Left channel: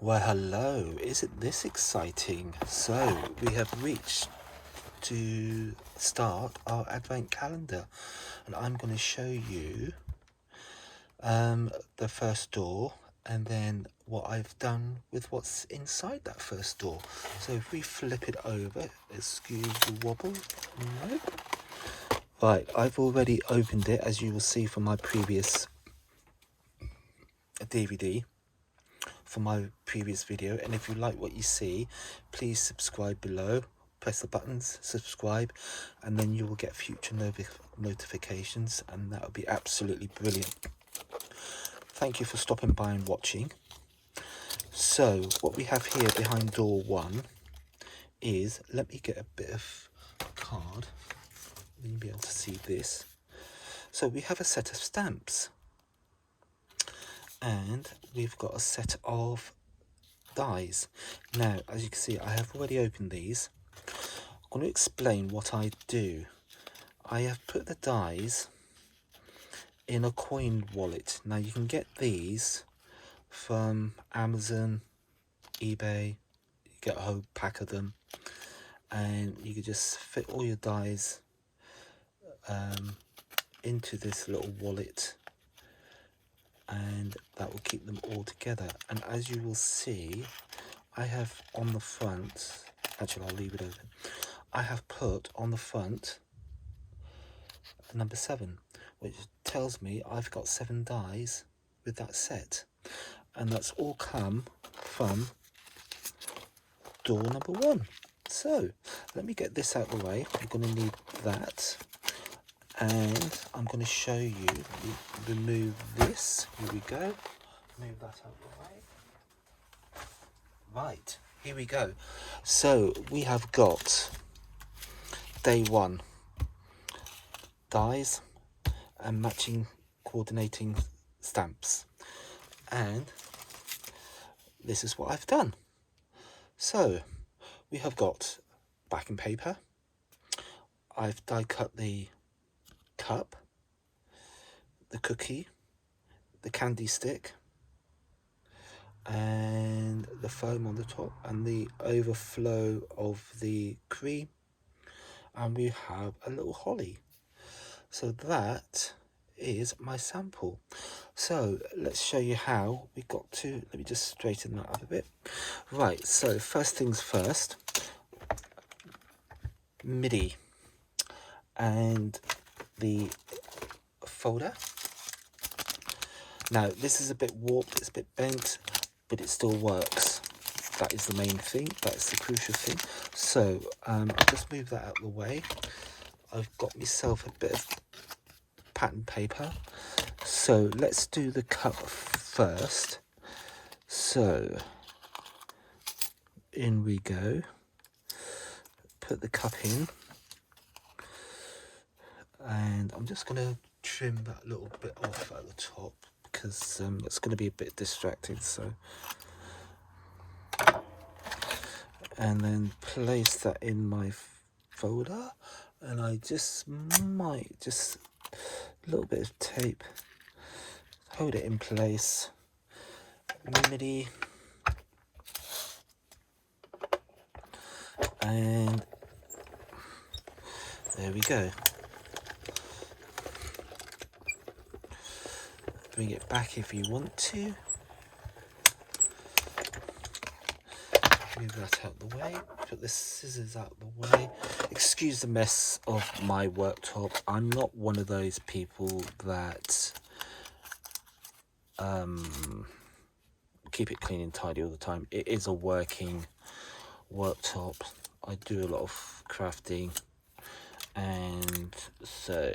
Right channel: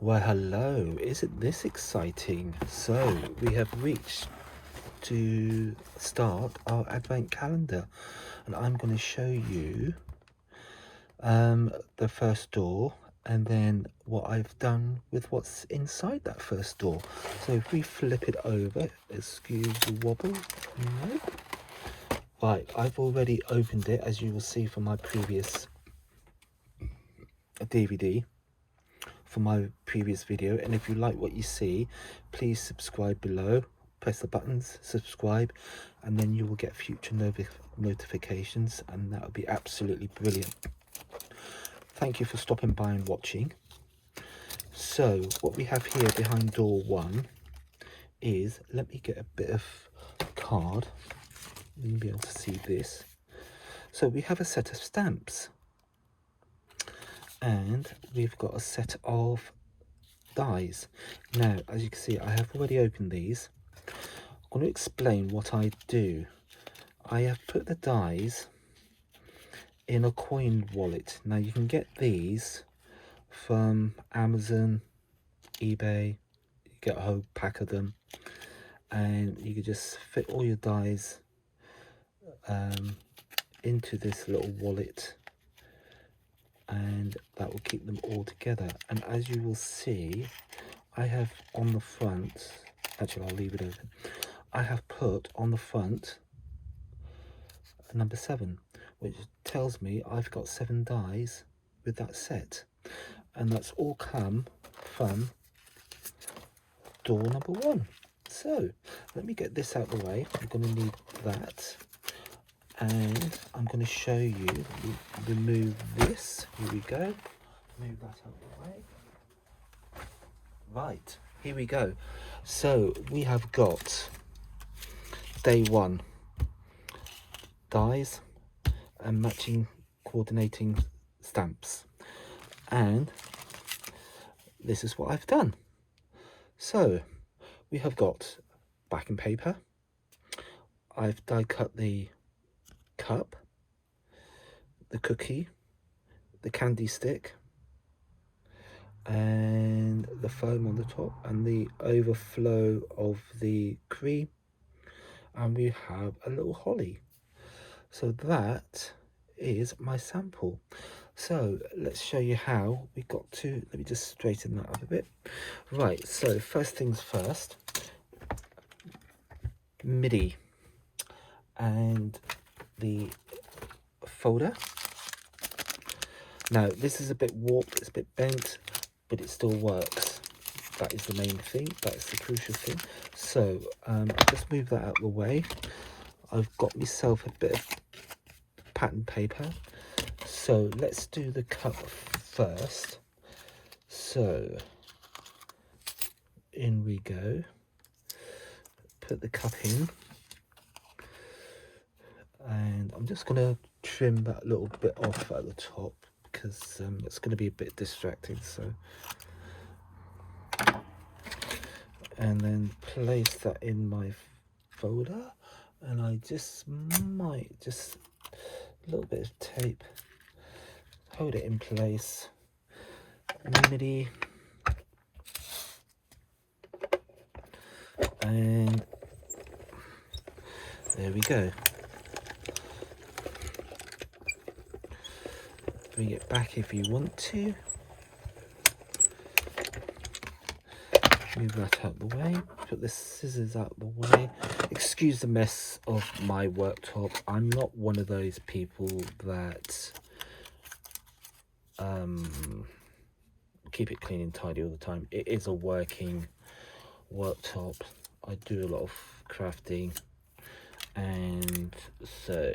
Well, hello. Isn't this exciting? So, we have reached to start our advent calendar, and I'm going to show you the first door and then what I've done with what's inside that first door. So, if we flip it over, excuse the wobble. Nope. Right, I've already opened it, as you will see from my previous DVD. For my previous video, and if you like what you see, please subscribe below, press the buttons, subscribe, and then you will get future notifications, and that would be absolutely brilliant. Thank you for stopping by and watching. So what we have here behind door 1 is, let me get a bit of card, you'll be able to see this. So we have a set of stamps, and we've got a set of dies. Now, as you can see, I have already opened these. I'm going to explain what I do. I have put the dies in a coin wallet. Now, you can get these from Amazon, eBay. You get a whole pack of them, and you can just fit all your dies into this little wallet, and that will keep them all together. And as you will see, I have on the front, actually I'll leave it open, I have put on the front a number 7, which tells me I've got 7 dies with that set, and that's all come from door number 1. So let me get this out of the way. I'm going to need that, and I'm going to show you, remove this. Here we go. Move that out of the way. Right, here we go. So we have got day 1 dies and matching coordinating stamps, and this is what I've done. So we have got backing paper. I've die cut the cup, the cookie, the candy stick, and the foam on the top, and the overflow of the cream, and we have a little holly. So that is my sample. So let's show you how we got to, let me just straighten that up a bit. Right, so first things first, MIDI and the folder. Now this is a bit warped, it's a bit bent, but it still works. That is the main thing, that's the crucial thing. So just move that out of the way. I've got myself a bit of pattern paper, so let's do the cup first. So in we go, put the cup in, and I'm just going to trim that little bit off at the top because it's going to be a bit distracting. So, and then place that in my folder, and I just might just a little bit of tape, hold it in place, MIDI, and there we go. Bring it back if you want to. Move that out the way. Put the scissors out the way. Excuse the mess of my worktop. I'm not one of those people that keep it clean and tidy all the time. It is a working worktop. I do a lot of crafting, and so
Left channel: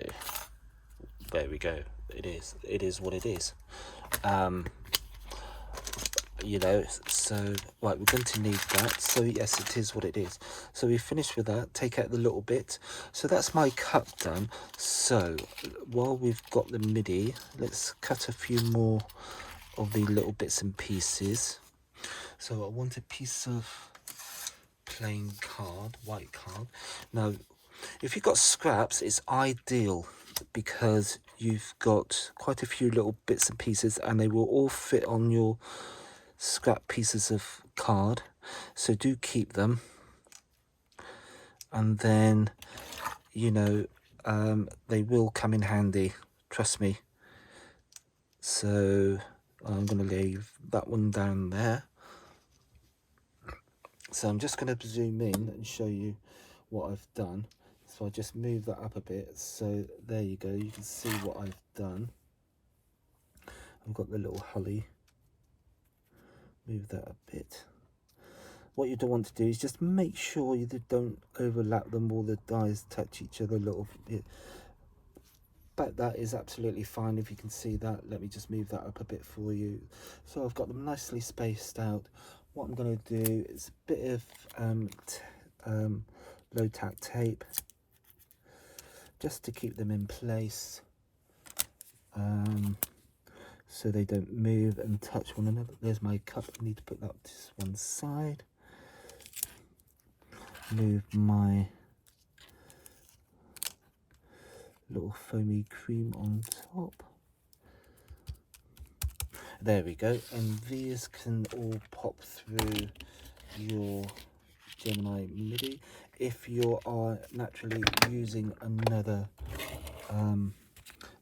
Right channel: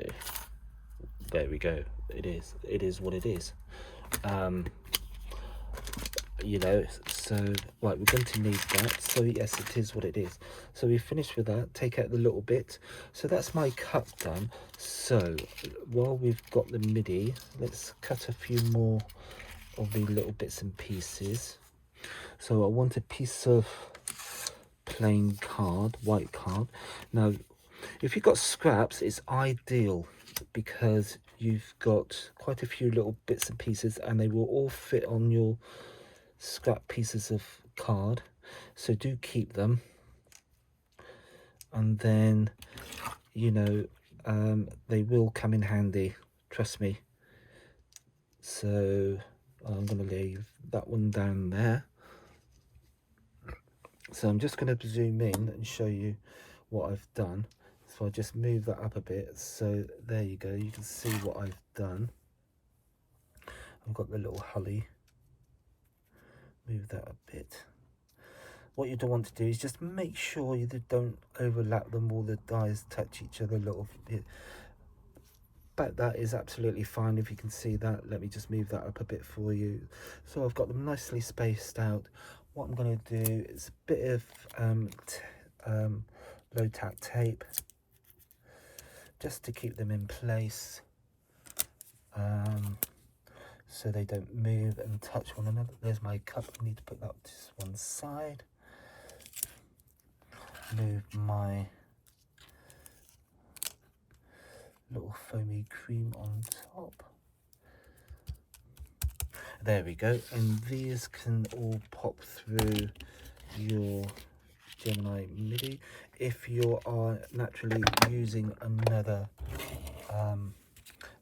there we go. It is what it is. You know, so right, we're going to need that. So yes, it is what it is. So we finished with that. Take out the little bit. So that's my cup done. So while we've got the MIDI, let's cut a few more of the little bits and pieces. So I want a piece of plain card, white card. Now if you've got scraps, it's ideal because you've got quite a few little bits and pieces, and they will all fit on your scrap pieces of card, so do keep them. And then, you know, they will come in handy, trust me. So I'm going to leave that one down there. So I'm just going to zoom in and show you what I've done. So I just move that up a bit. So there you go, you can see what I've done. I've got the little Hully. Move that a bit. What you don't want to do is just make sure you don't overlap them, or the dies touch each other a little bit. But that is absolutely fine. If you can see that, let me just move that up a bit for you. So I've got them nicely spaced out. What I'm going to do is a bit of low tack tape, just to keep them in place, so they don't move and touch one another. There's my cup. I need to put that to one side. Move my little foamy cream on top. There we go. And these can all pop through your Gemini MIDI. If you are naturally using another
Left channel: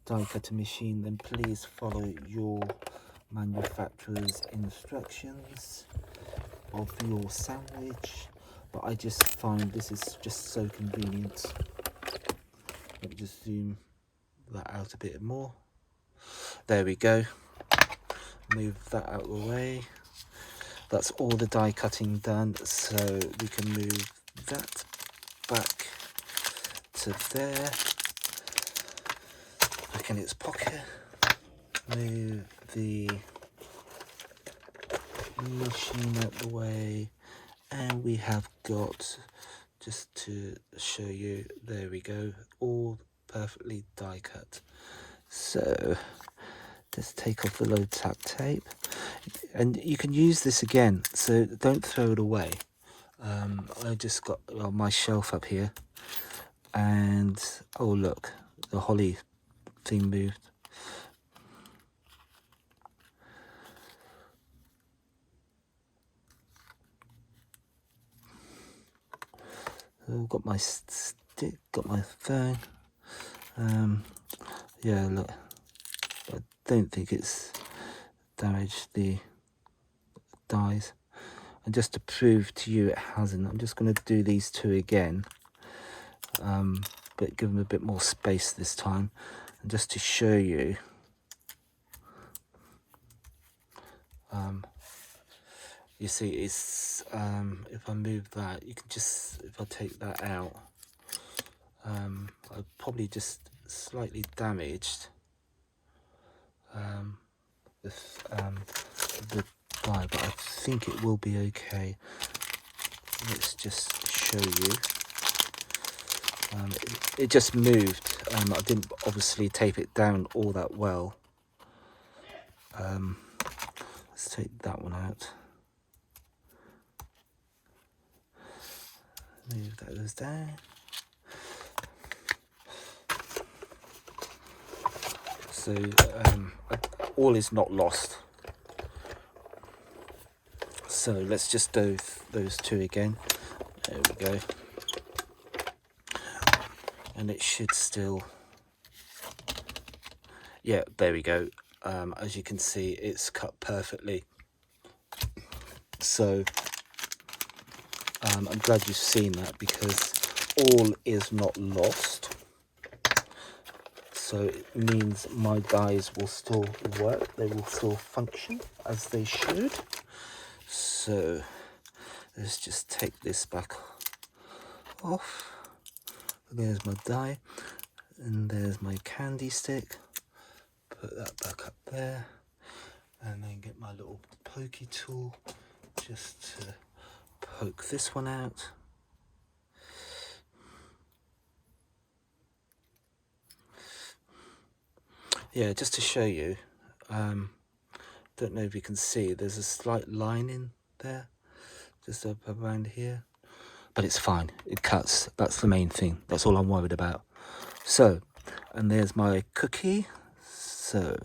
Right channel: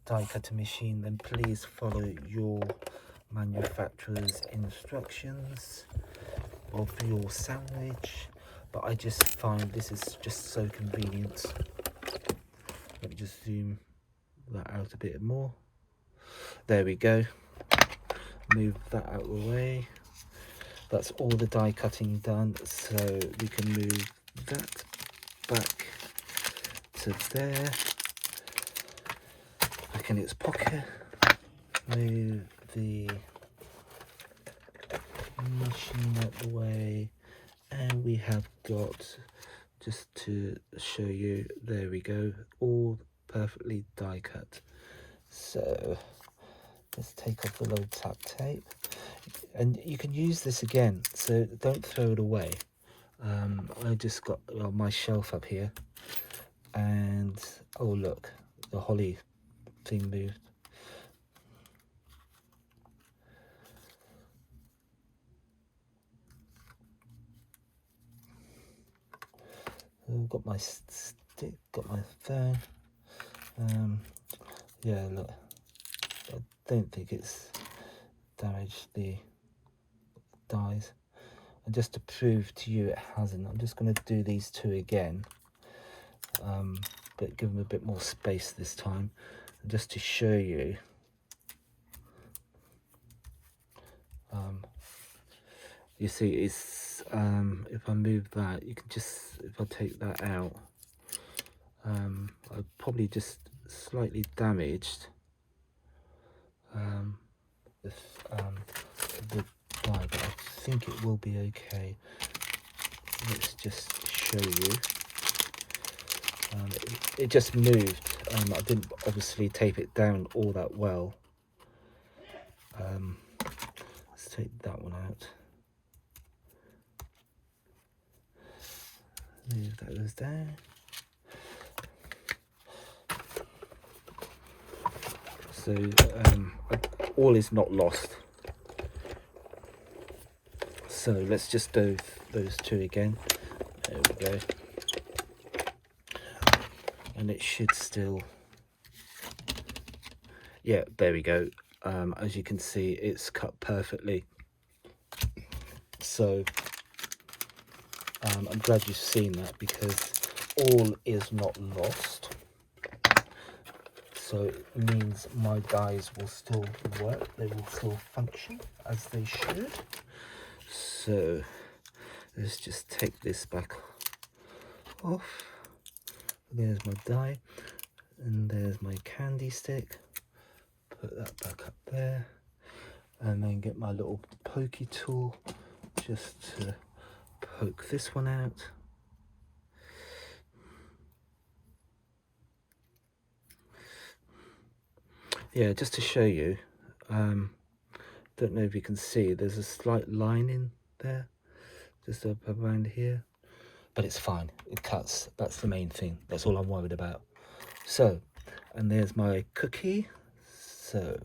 die cutting machine, then please follow your manufacturer's instructions of your sandwich. But I just find this is just so convenient. Let me just zoom that out a bit more. There we go. Move that out of the way. That's all the die cutting done, so we can move that back to there, back in its pocket. Move the machine out the way, and we have got, just to show you, there we go, all perfectly die cut. So just take off the low tack tape, and you can use this again, so don't throw it away. I just got my shelf up here, and oh look, the Holly thing moved. I've got my stick, got my phone. Yeah, look, I don't think it's damaged the dies. And just to prove to you it hasn't, I'm just going to do these two again, but give them a bit more space this time. And just to show you, you see, it's if I move that, you can just, if I take that out, I probably just slightly damaged the die, but I think it will be okay. Let's just show you. It just moved. I didn't obviously tape it down all that well. Let's take that one out. Move those down. So all is not lost. So let's just do those two again. There we go. And it should still, yeah, there we go. As you can see, it's cut perfectly. So I'm glad you've seen that, because all is not lost. So it means my dies will still work, they will still function as they should. So let's just take this back off. There's my die, and there's my candy stick. Put that back up there, and then get my little pokey tool just to poke this one out. Yeah, just to show you, don't know if you can see, there's a slight line in there, just up around here, but it's fine, it cuts. That's the main thing, that's all I'm worried about. So, and there's my cookie. So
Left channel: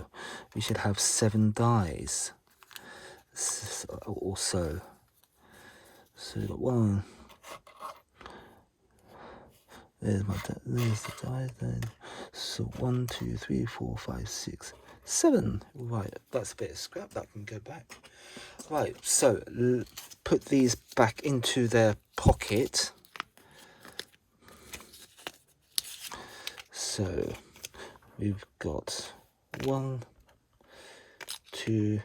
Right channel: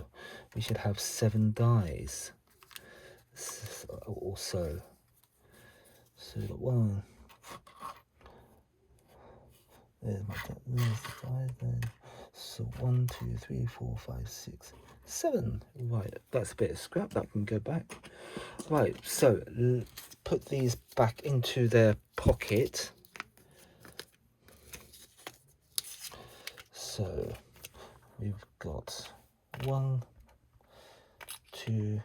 we should have 7 dies. or so. So we've got 1. There's the die then. So 1, 2, 3, 4, 5, 6, 7. Right, that's a bit of scrap that can go back. Right, so put these back into their pocket. So we've got 1, 2,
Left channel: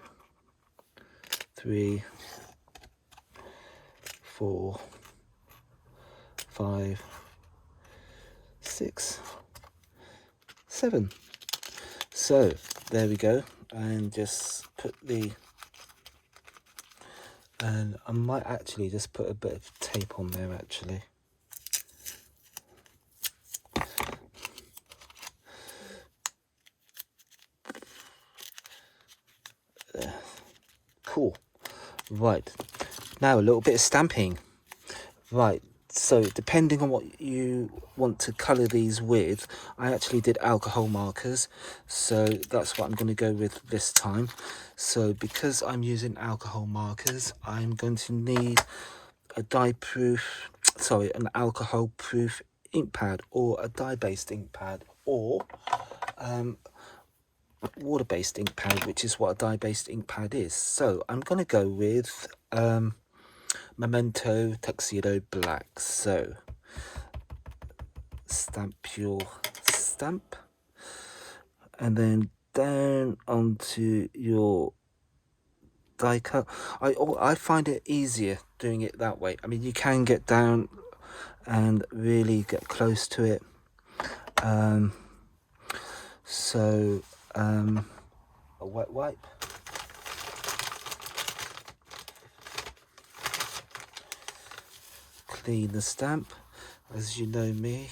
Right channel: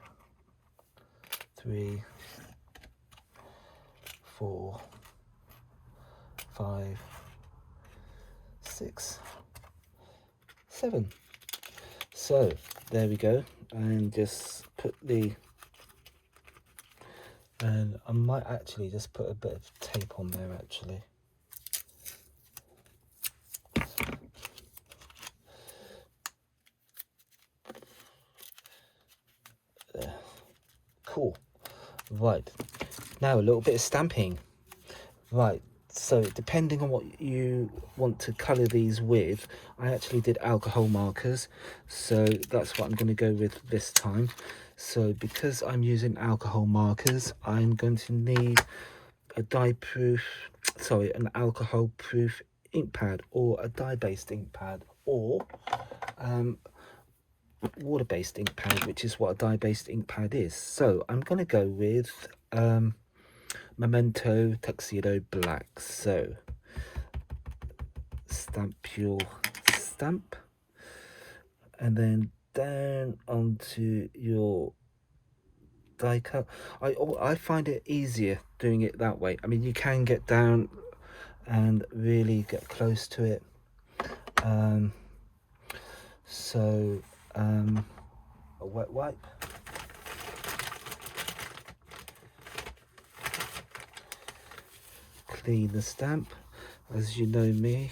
3, 4, 5, 6, 7. So there we go, and just put the, and I might actually just put a bit of tape on there actually. Cool. Right, now a little bit of stamping. Right, so depending on what you want to colour these with, I actually did alcohol markers, so that's what I'm going to go with this time. So because I'm using alcohol markers, I'm going to need a an alcohol proof ink pad, or a dye-based ink pad, or water-based ink pad, which is what a dye-based ink pad is. So I'm going to go with Memento Tuxedo Black. So stamp your stamp, and then down onto your die cut. I find it easier doing it that way. I mean, you can get down and really get close to it. A wet wipe. Clean the stamp, as you know me.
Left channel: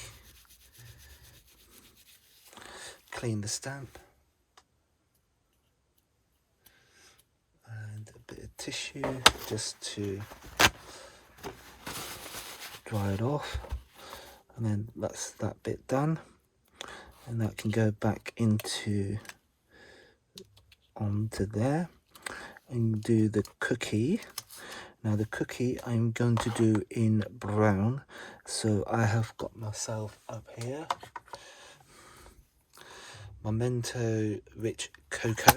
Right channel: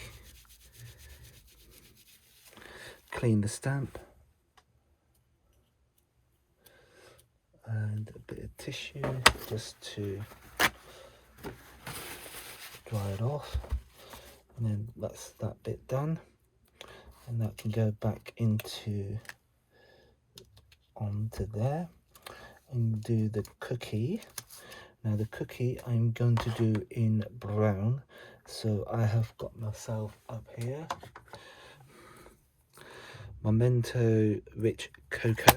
Clean the stamp. And a bit of tissue just to dry it off. And then that's that bit done. And that can go back onto there, and do the cookie. Now the cookie I'm going to do in brown, so I have got myself up here Memento Rich Cocoa,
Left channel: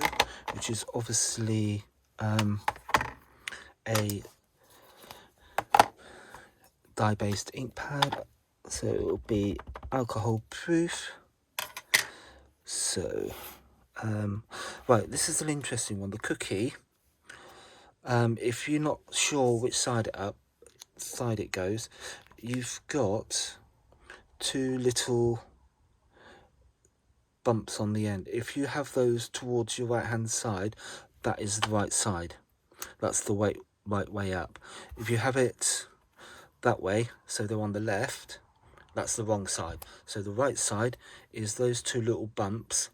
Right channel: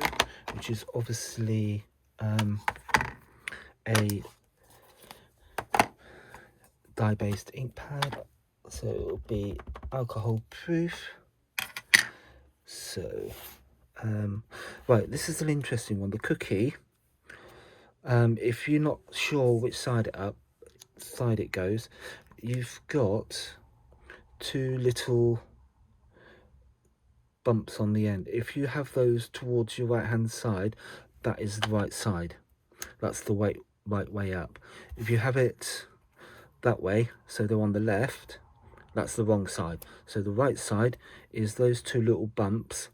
which is obviously a dye-based ink pad, so it will be alcohol proof. So right, this is an interesting one, the cookie. If you're not sure which side it goes, you've got 2 little bumps on the end. If you have those towards your right hand side, that is the right side. That's the right way up. If you have it that way, so they're on the left, that's the wrong side. So the right side is those 2 little bumps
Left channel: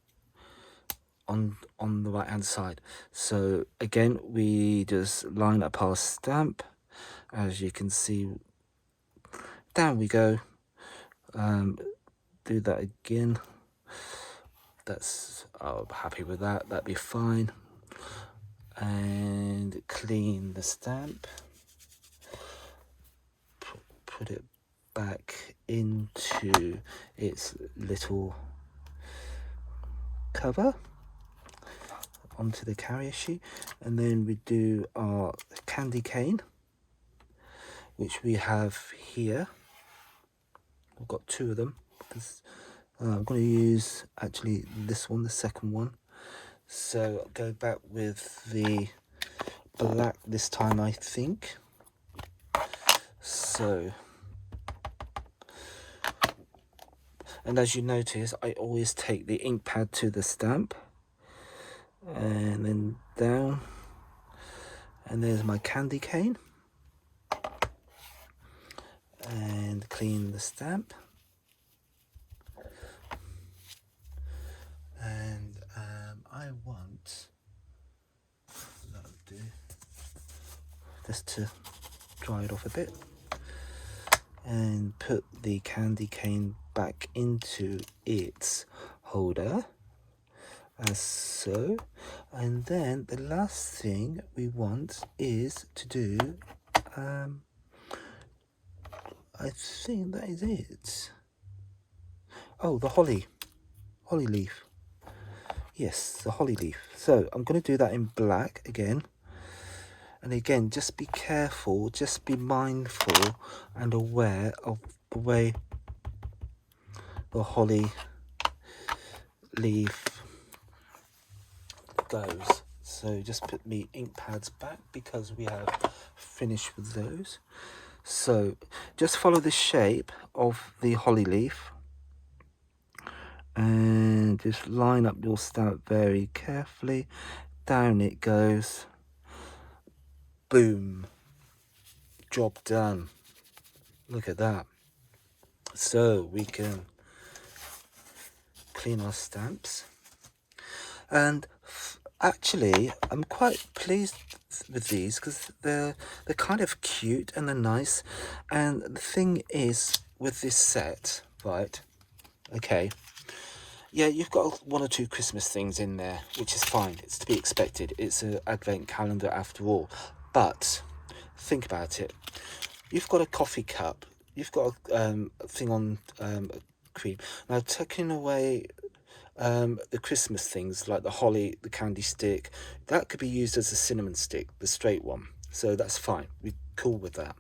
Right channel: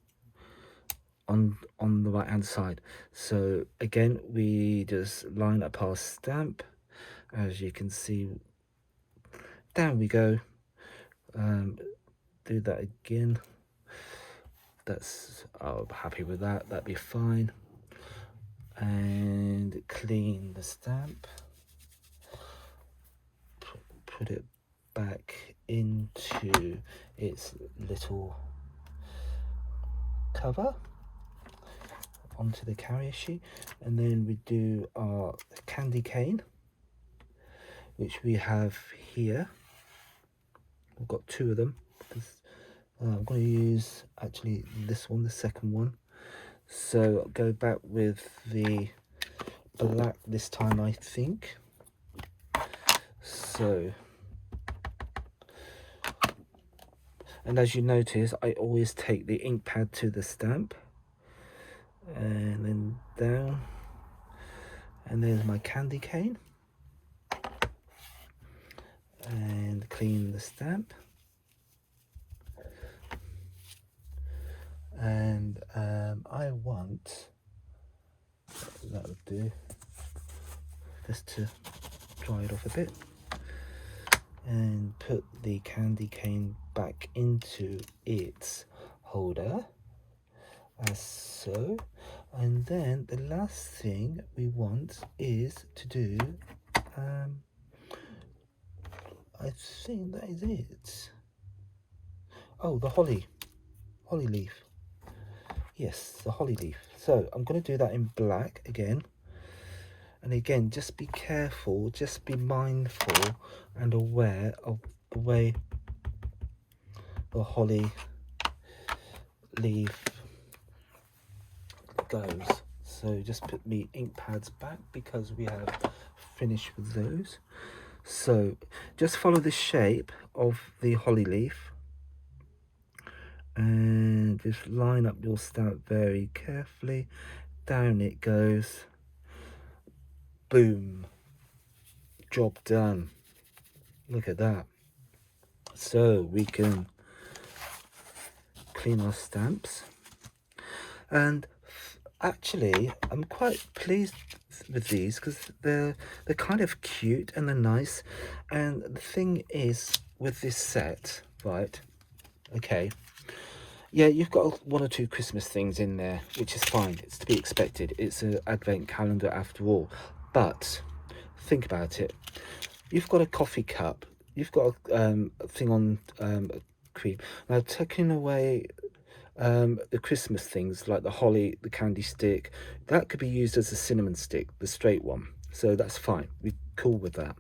on the right hand side. So again, we just line up our stamp, as you can see. Down we go. Do that again. I'm happy with that. That'd be fine. And clean the stamp. Put it back into its little cover, onto the carrier sheet, and then we do our candy cane, which we have here. I've got 2 of them because I'm going to use actually this one, the second one. So I'll go back with the black this time, I think. So, and as you notice, I always take the ink pad to the stamp, and then down, and there's my candy cane, and clean the stamp. And I want, that'll do, just to dry it off a bit, and put the candy cane back into its holder, as so. And then the last thing we want is to do, I think that is it. Oh, the holly leaf. Yes, the holly leaf. So I'm going to do that in black again. And again, just be careful, just be mindful and aware of the way the holly leaf goes. So just put me ink pads back because we have finished with those. So just follow the shape of the holly leaf and just line up your stamp very carefully. Down it goes. Boom. Job done. Look at that. So we can clean our stamps. And actually, I'm quite pleased with these because they're kind of cute and they're nice. And the thing is with this set, right? Okay. Yeah, you've got one or two Christmas things in there, which is fine. It's to be expected. It's an advent calendar after all. But think about it. You've got a coffee cup. You've got a thing on cream. Now, taking away the Christmas things like the holly, the candy stick, that could be used as a cinnamon stick, the straight one. So that's fine. We're cool with that.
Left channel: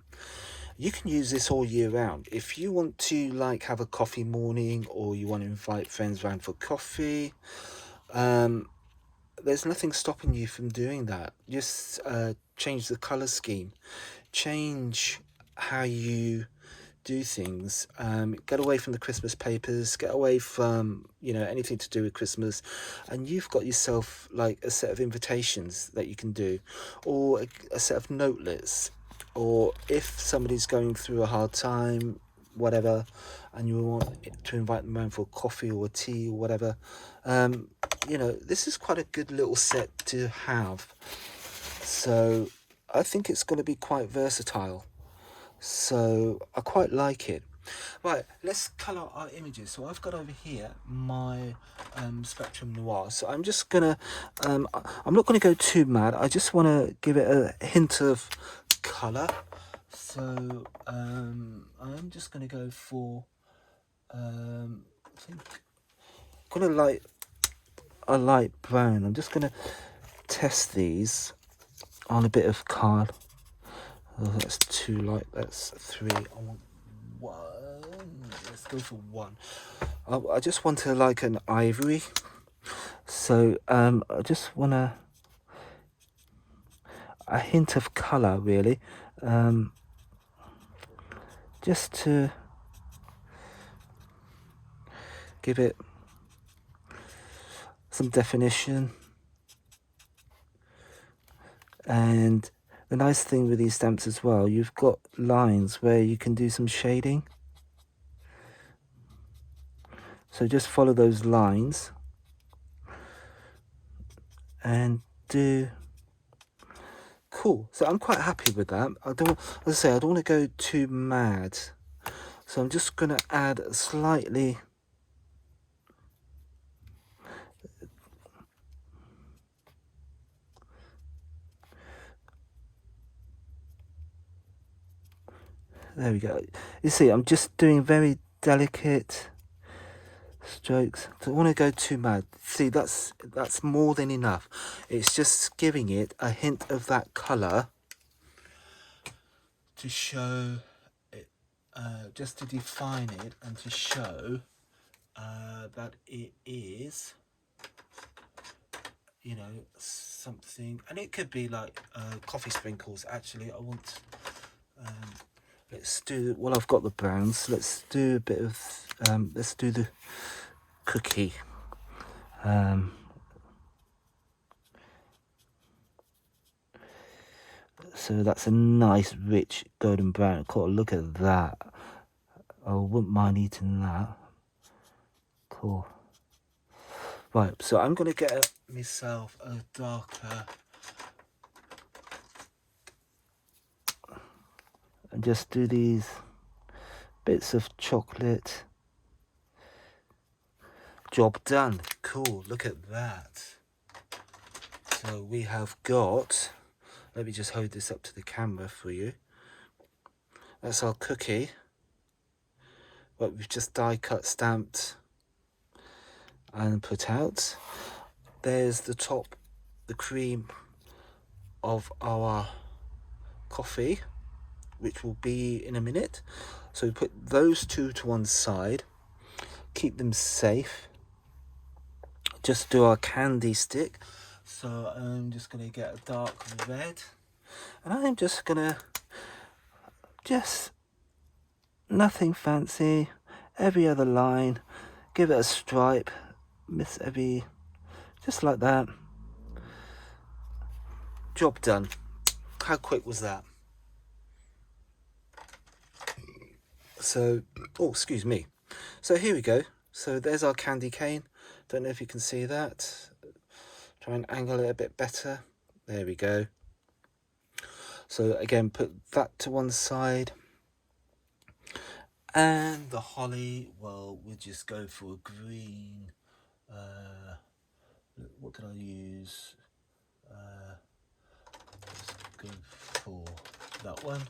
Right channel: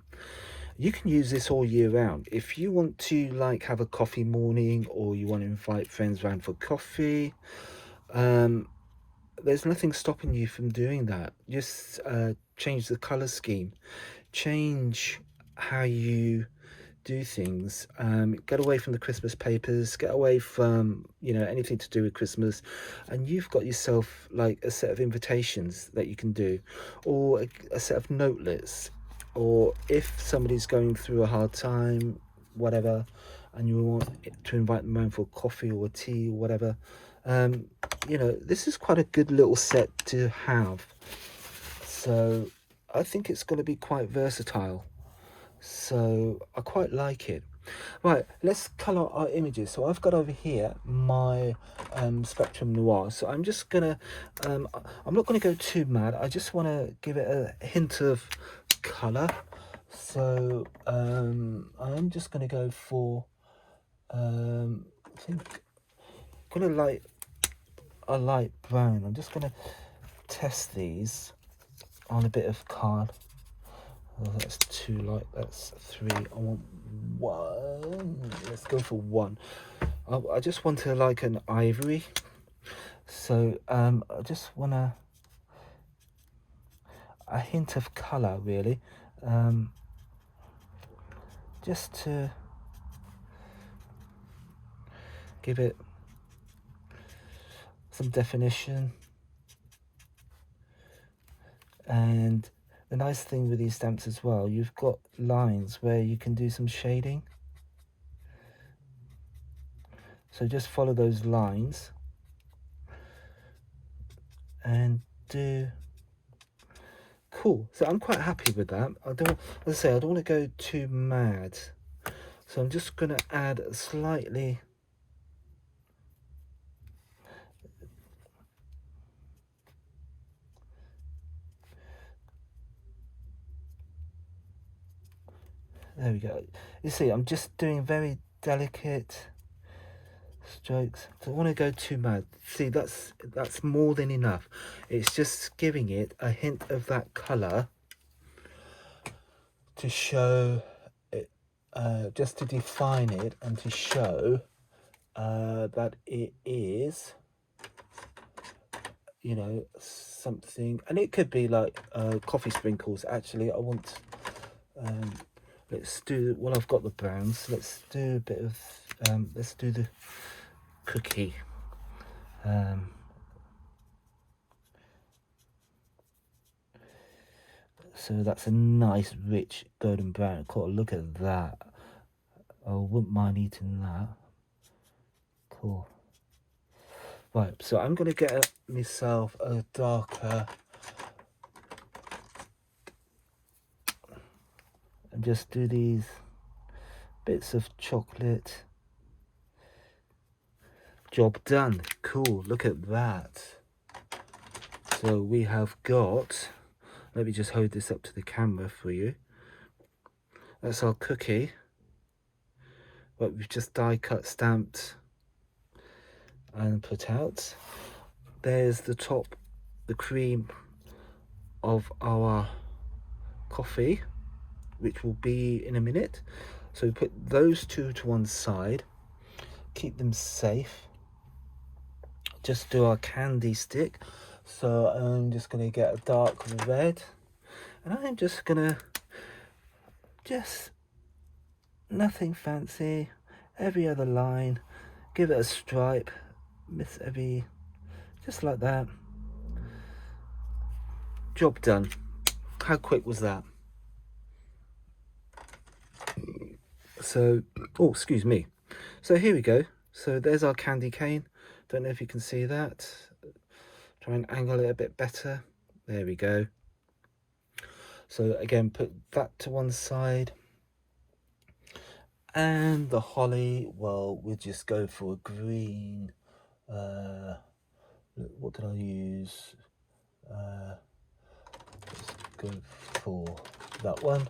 You can use this all year round. If you want to like have a coffee morning or you want to invite friends round for coffee, there's nothing stopping you from doing that. Just change the color scheme, change how you do things, get away from the Christmas papers, get away from, you know, anything to do with Christmas, and you've got yourself like a set of invitations that you can do, or a set of notelets, or if somebody's going through a hard time, whatever, and you want to invite them around for coffee or tea or whatever, you know, this is quite a good little set to have. So I think it's going to be quite versatile. So I quite like it. Right, let's colour our images. So I've got over here my Spectrum Noir. So I'm just gonna, I'm not gonna go too mad. I just want to give it a hint of colour. So I'm just gonna go for, I think, gonna like a light brown. I'm just gonna test these on a bit of card. Oh, that's 2 light, that's 3. I want 1. Let's go for 1. I just want to like an ivory. So I just want a hint of colour really. Just to give it some definition. And the nice thing with these stamps as well, you've got lines where you can do some shading. So just follow those lines and do. Cool. So I'm quite happy with that. I don't, as I say, I don't want to go too mad. So I'm just going to add slightly. There we go. You see, I'm just doing very delicate strokes. Don't want to go too mad. See, that's more than enough. It's just giving it a hint of that colour to show it, just to define it and to show that it is, you know, something. And it could be like coffee sprinkles. Actually, I want. Let's do, well, I've got the browns. Let's do a bit of, let's do the cookie. So that's a nice, rich golden brown. Cool, look at that. I wouldn't mind eating that. Cool. Right, so I'm going to get myself a darker. And just do these bits of chocolate. Job done. Cool, look at that. So we have got, let me just hold this up to the camera for you. That's our cookie. What we've just die cut, stamped and put out. There's the top, the cream of our coffee, which will be in a minute. So we put those two to one side, keep them safe. Just do our candy stick. So I'm just going to get a dark red, and I'm just going to, just nothing fancy, every other line, give it a stripe, miss every, just like that. Job done. How quick was that? So, oh, excuse me. So here we go. So there's our candy cane. Don't know if you can see that. Try and angle it a bit better. There we go. So again, put that to one side. And the holly, well, we'll just go for a green. What did I use? Let's go for that one.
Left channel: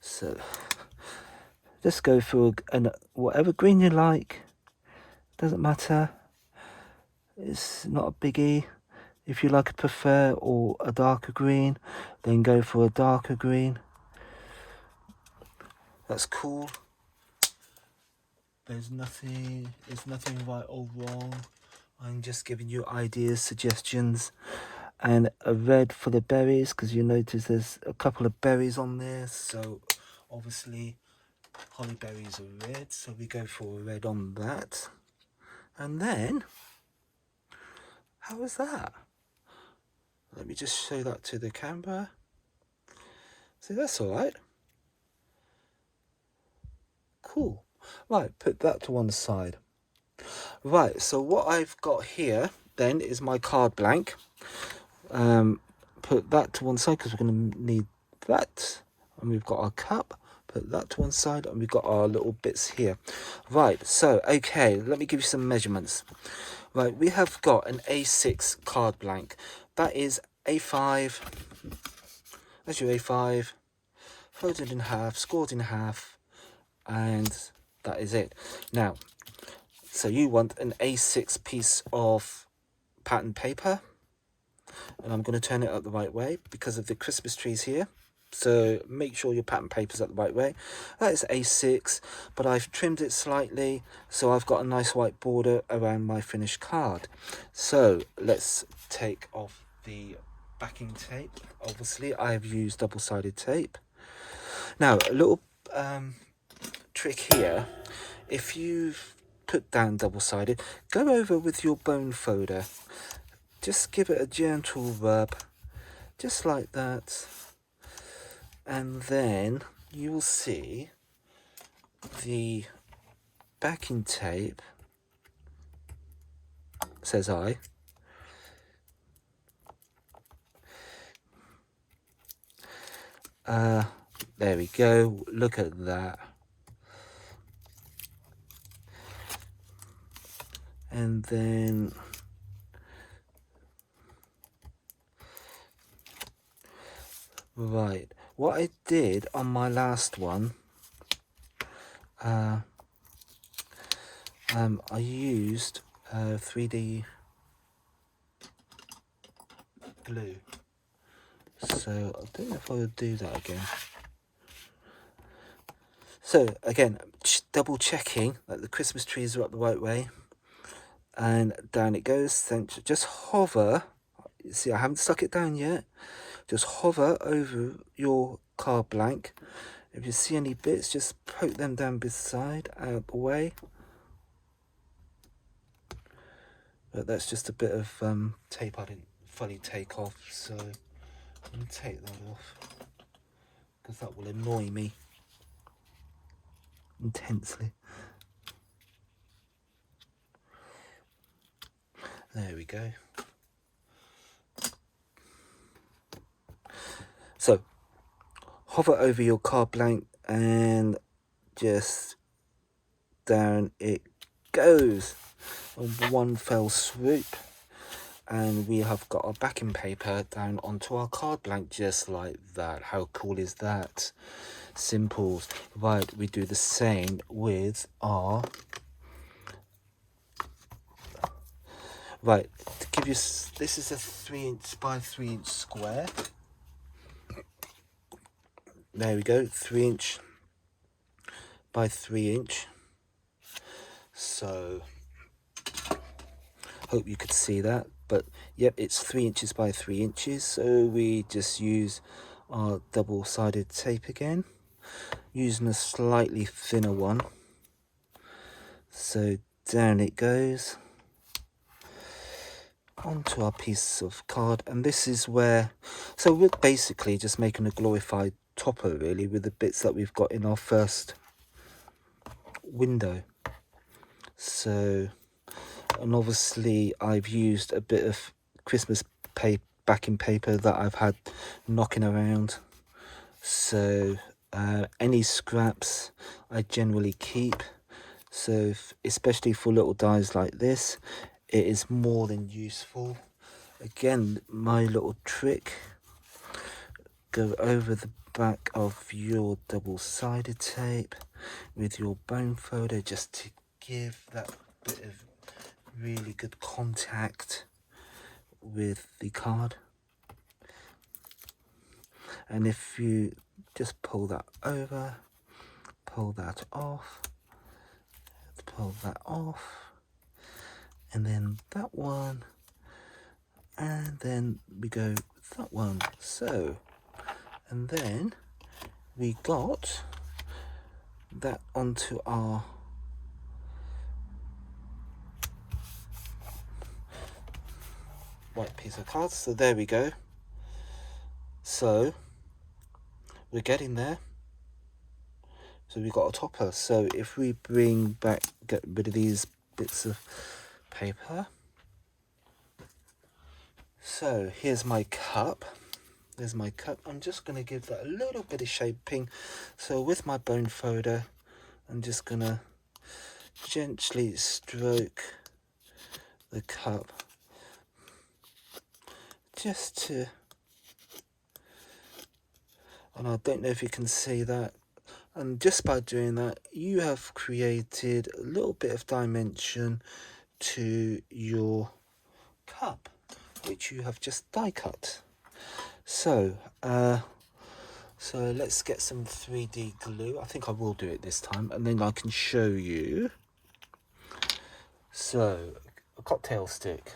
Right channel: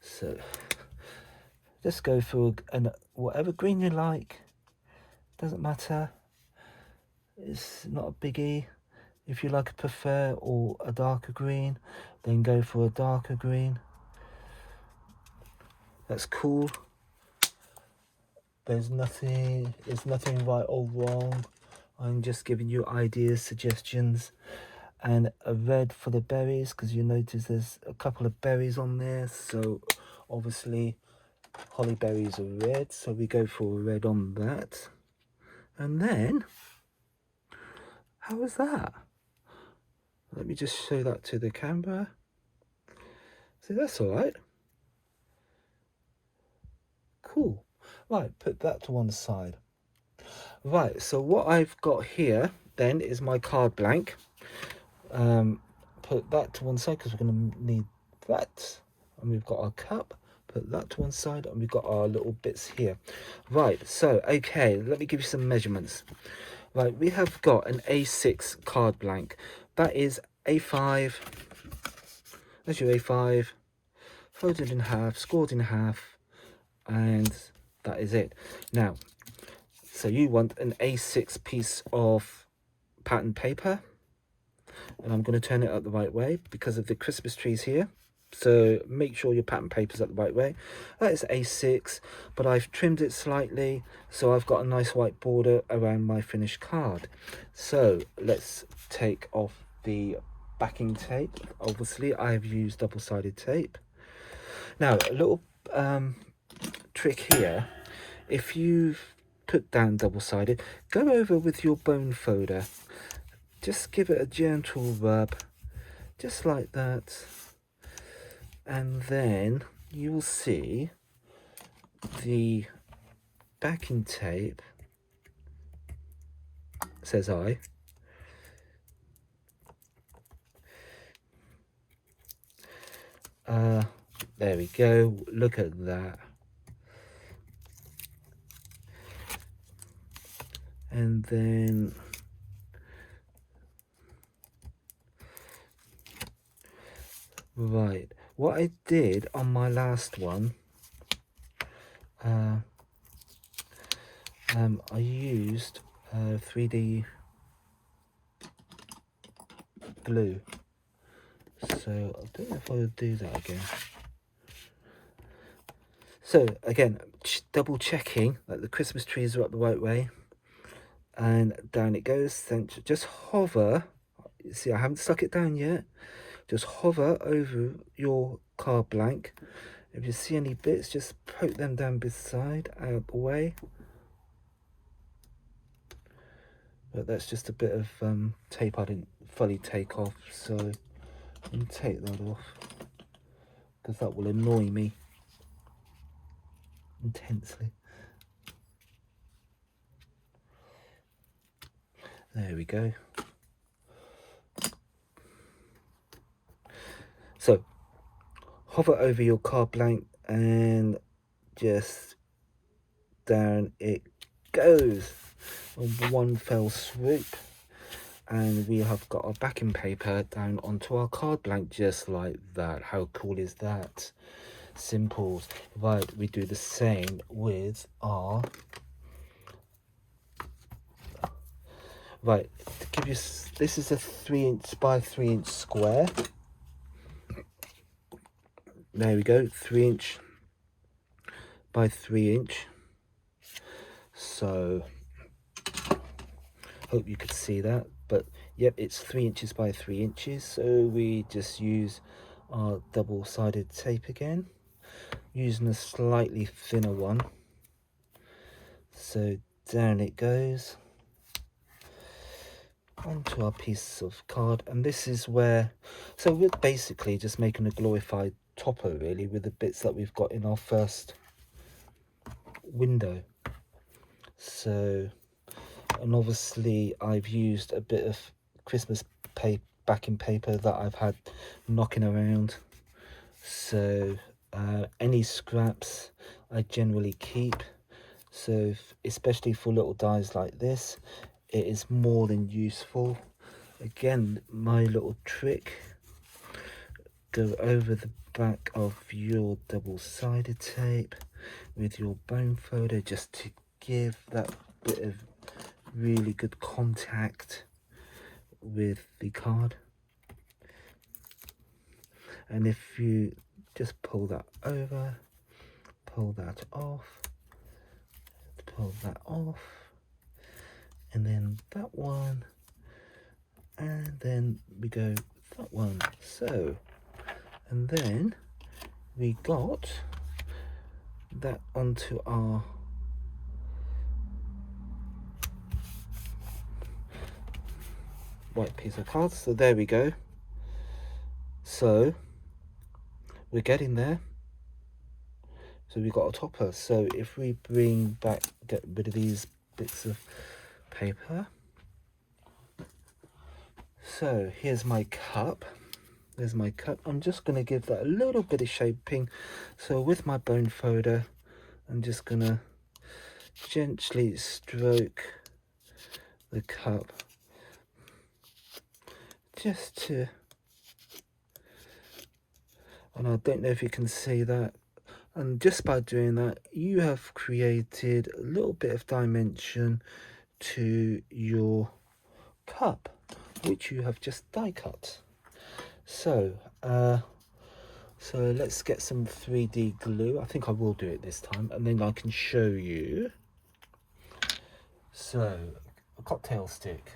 So just go for whatever green you like. Doesn't matter. It's not a biggie. If you like prefer or a darker green, then go for a darker green. That's cool. There's nothing, it's nothing right or wrong. I'm just giving you ideas, suggestions. And a red for the berries, because you notice there's a couple of berries on there. So obviously holly berries are red. So we go for a red on that. And then, how was that? Let me just show that to the camera. See, that's all right. Cool. Right, put that to one side. Right, so what I've got here then is my card blank. Put that to one side because we're going to need that. And we've got our cup. Put that to one side, and we've got our little bits here. Right, so, okay, let me give you some measurements. Right, we have got an A6 card blank. That is A5. That's your A5. Folded in half, scored in half, and that is it. Now, so you want an A6 piece of pattern paper, and I'm going to turn it up the right way because of the Christmas trees here. So make sure your pattern paper's up the right way. That is A6, but I've trimmed it slightly, so I've got a nice white border around my finished card. So let's take off the backing tape. Obviously, I've used double-sided tape. Now, a little trick here. If you've put down double-sided, go over with your bone folder. Just give it a gentle rub, just like that. And then you will see the backing tape, says I. There we go. Look at that. And then right, what I did on my last one, I used 3D glue. So I don't know if I would do that again. So again, double checking that the Christmas trees are up the right way. And down it goes. Then just hover. See, I haven't stuck it down yet. Just hover over your card blank. If you see any bits, just poke them down beside, out the way. But that's just a bit of tape I didn't fully take off, so I'm going to take that off because that will annoy me intensely. There we go. So hover over your card blank and just down it goes on one fell swoop. And we have got our backing paper down onto our card blank just like that. How cool is that? Simples. Right, we do the same with our... Right, to give you... This is a 3" by 3" square. There we go, 3" by 3". So, hope you could see that. But, yep, it's 3" by 3". So we just use our double-sided tape again, using a slightly thinner one. So down it goes onto our piece of card, and this is where, so we're basically just making a glorified topper really with the bits that we've got in our first window. So, and obviously I've used a bit of Christmas backing paper that I've had knocking around. So any scraps I generally keep. So especially for little dies like this, it is more than useful. Again, my little trick, go over the back of your double-sided tape with your bone folder just to give that bit of really good contact with the card. And if you just pull that over, pull that off, pull that off, and then that one, and then we go that one. So, and then we got that onto our white piece of card. So there we go. So we're getting there. So we got a topper. So if we bring back, get rid of these bits of paper. So here's my cup. There's my cup. I'm just going to give that a little bit of shaping. So with my bone folder, I'm just going to gently stroke the cup just to, and I don't know if you can see that, and just by doing that you have created a little bit of dimension to your cup, which you have just die cut. So so let's get some 3D glue. I think I will do it this time, and then I can show you. So a cocktail stick,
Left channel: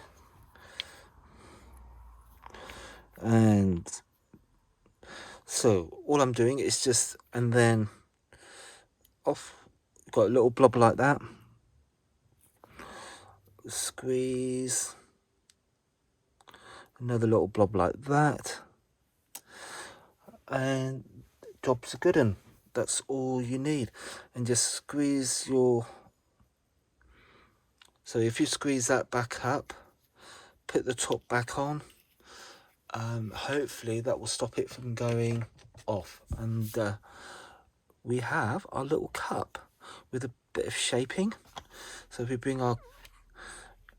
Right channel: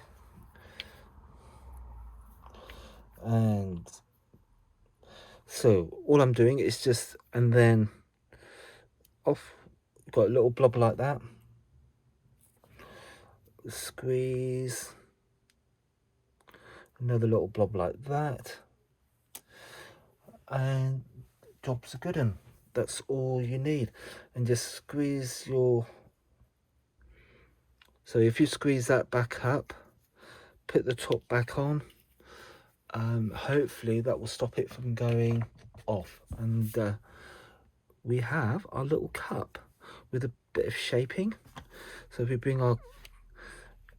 and so all I'm doing is just, and then off, got a little blob like that, squeeze, another little blob like that, and job's a good one. That's all you need. And just squeeze your, so if you squeeze that back up, put the top back on, hopefully that will stop it from going off. And we have our little cup with a bit of shaping. So if we bring our,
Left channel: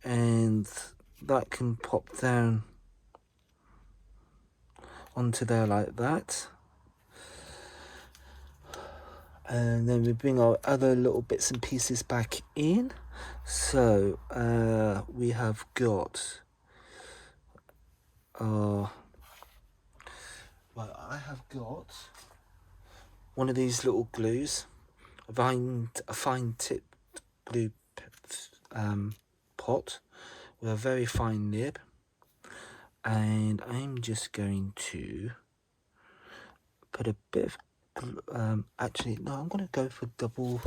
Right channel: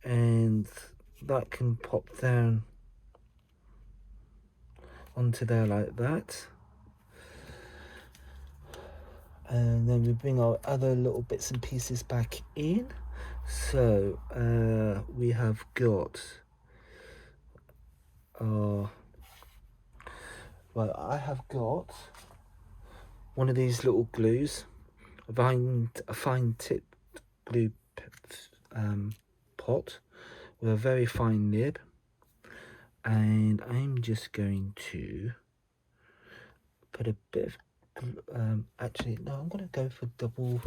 and that can pop down onto there like that, and then we bring our other little bits and pieces back in. So we have got well, I have got one of these little glues, a fine tipped glue pot with a very fine nib, and I'm just going to put a bit of actually no, I'm going to go for double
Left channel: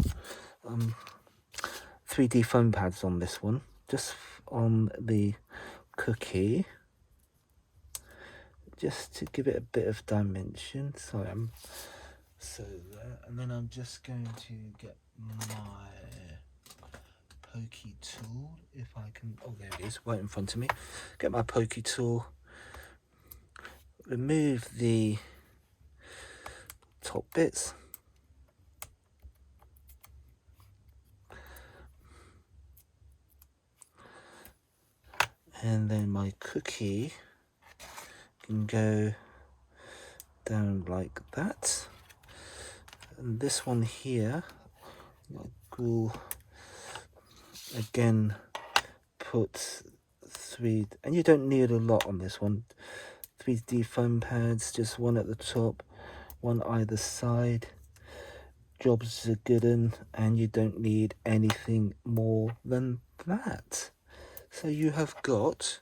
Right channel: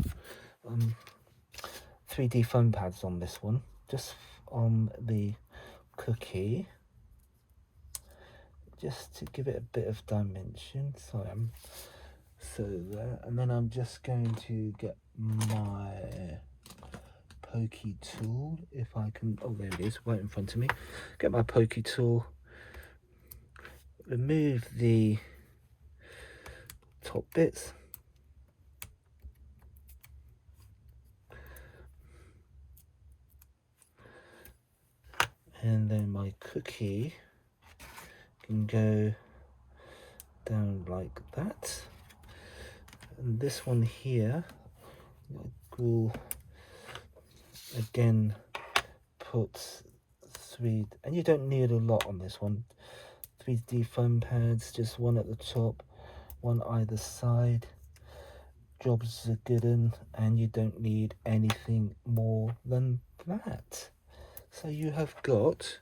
3D foam pads on this one, just on the cookie, just to give it a bit of dimension. Sorry, so there, and then I'm just going to get my pokey tool, if I can, oh there it is, right in front of me. Get my pokey tool, remove the top bits, And then my cookie can go down like that. And this one here, I will again put 3, and you don't need a lot on this one. 3D foam pads, just one at the top, one either side. Jobs are good, and you don't need anything more than that. So you have got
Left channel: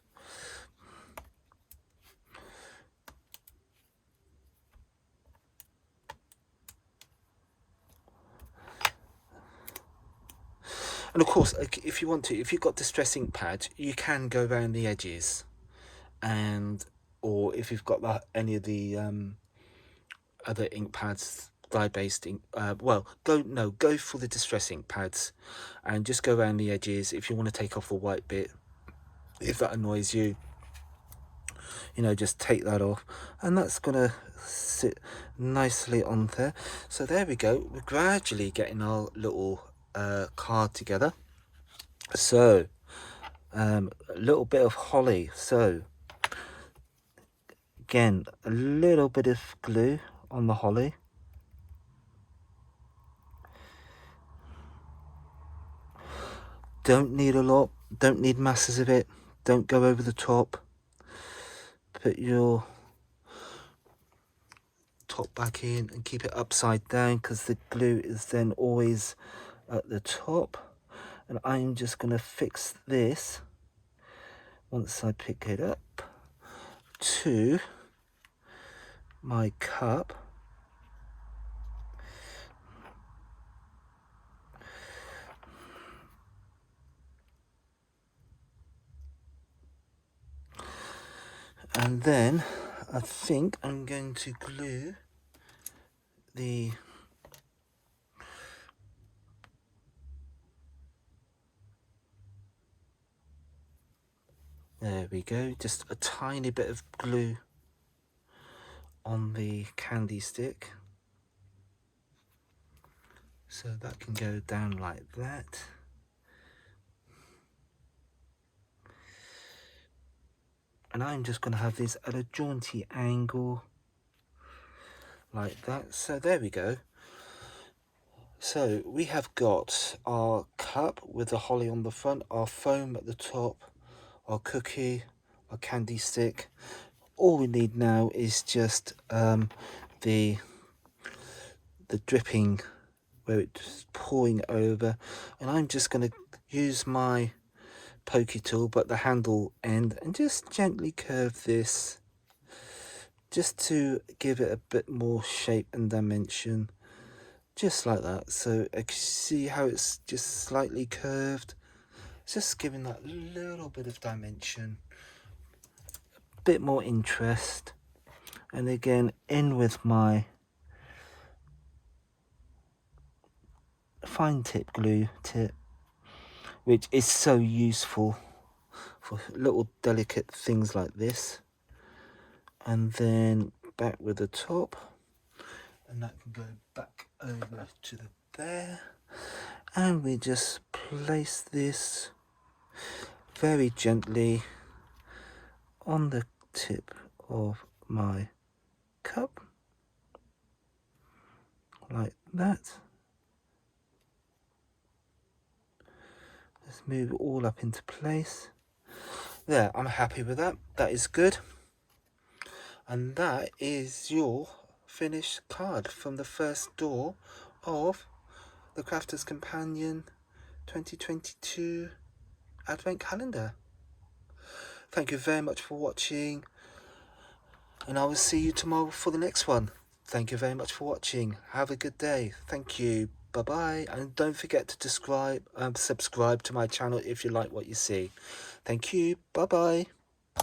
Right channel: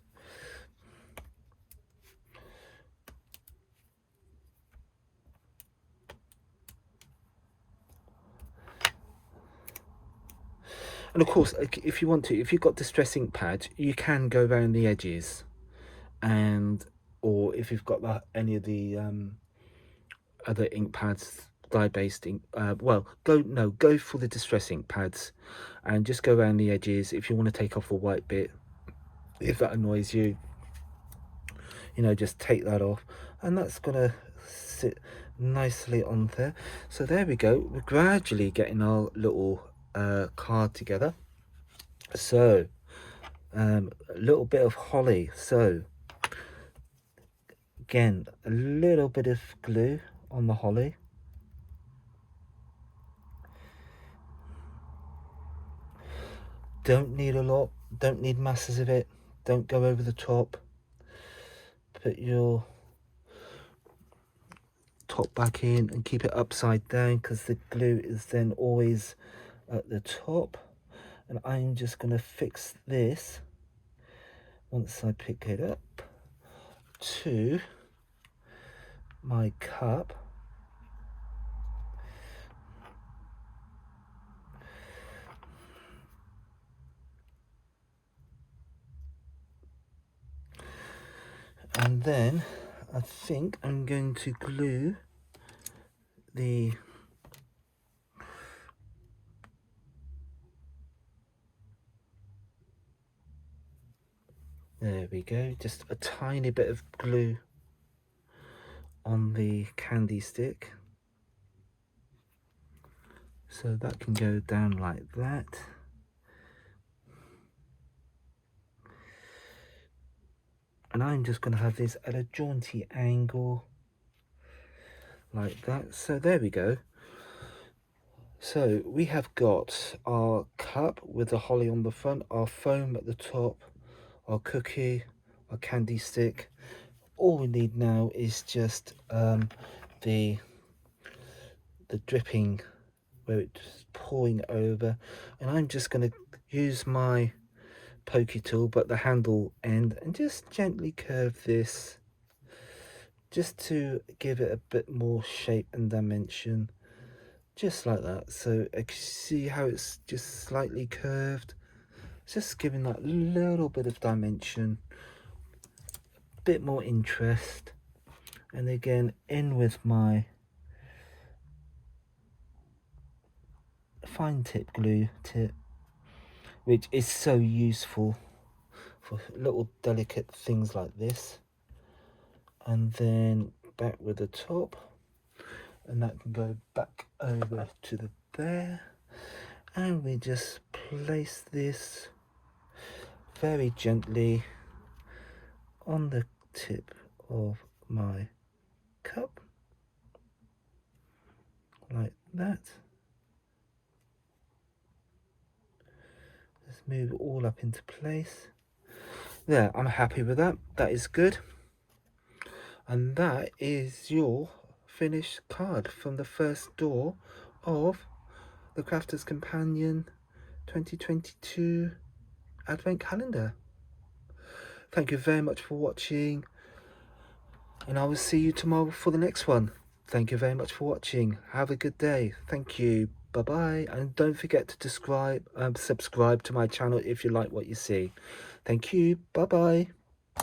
and of course, if you want to, if you've got distress ink pad, you can go around the edges, and or if you've got any of the other ink pads, dye-based ink, well, go for the distress ink pads, and just go around the edges. If you want to take off the white bit, if that annoys you, you know, just take that off, and that's gonna sit nicely on there. So there we go. We're gradually getting our little card together. So a little bit of holly. So again, a little bit of glue on the holly. Don't need a lot, don't need masses of it, don't go over the top. Put your top back in and keep it upside down, because the glue is then always at the top. And I'm just going to fix this once I pick it up to my cup. And then I think I'm going to glue the there we go, just a tiny bit of glue on the candy stick, so that can go down like that. And I'm just going to have this at a jaunty angle like that. So there we go. So we have got our cup with the holly on the front, our foam at the top, our cookie, our candy stick. All we need now is just the dripping where it's pouring over, and I'm just going to use my pokey tool, but the handle end, and just gently curve this just to give it a bit more shape and dimension, just like that. So I can see how it's just slightly curved, just giving that little bit of dimension, a bit more interest. And again, in with my fine tip glue tip, which is so useful for little delicate things like this. And then back with the top, and that can go back over to the bear, and we just place this very gently on the tip of my cup like that. Let's move it all up into place. There, I'm happy with that. That is good. And that is your finished card from the first door of the Crafter's Companion 2022 Advent Calendar. Thank you very much for watching, and I will see you tomorrow for the next one. Thank you very much for watching. Have a good day. Thank you. Bye-bye. And don't forget to subscribe to my channel if you like what you see. Thank you. Bye-bye.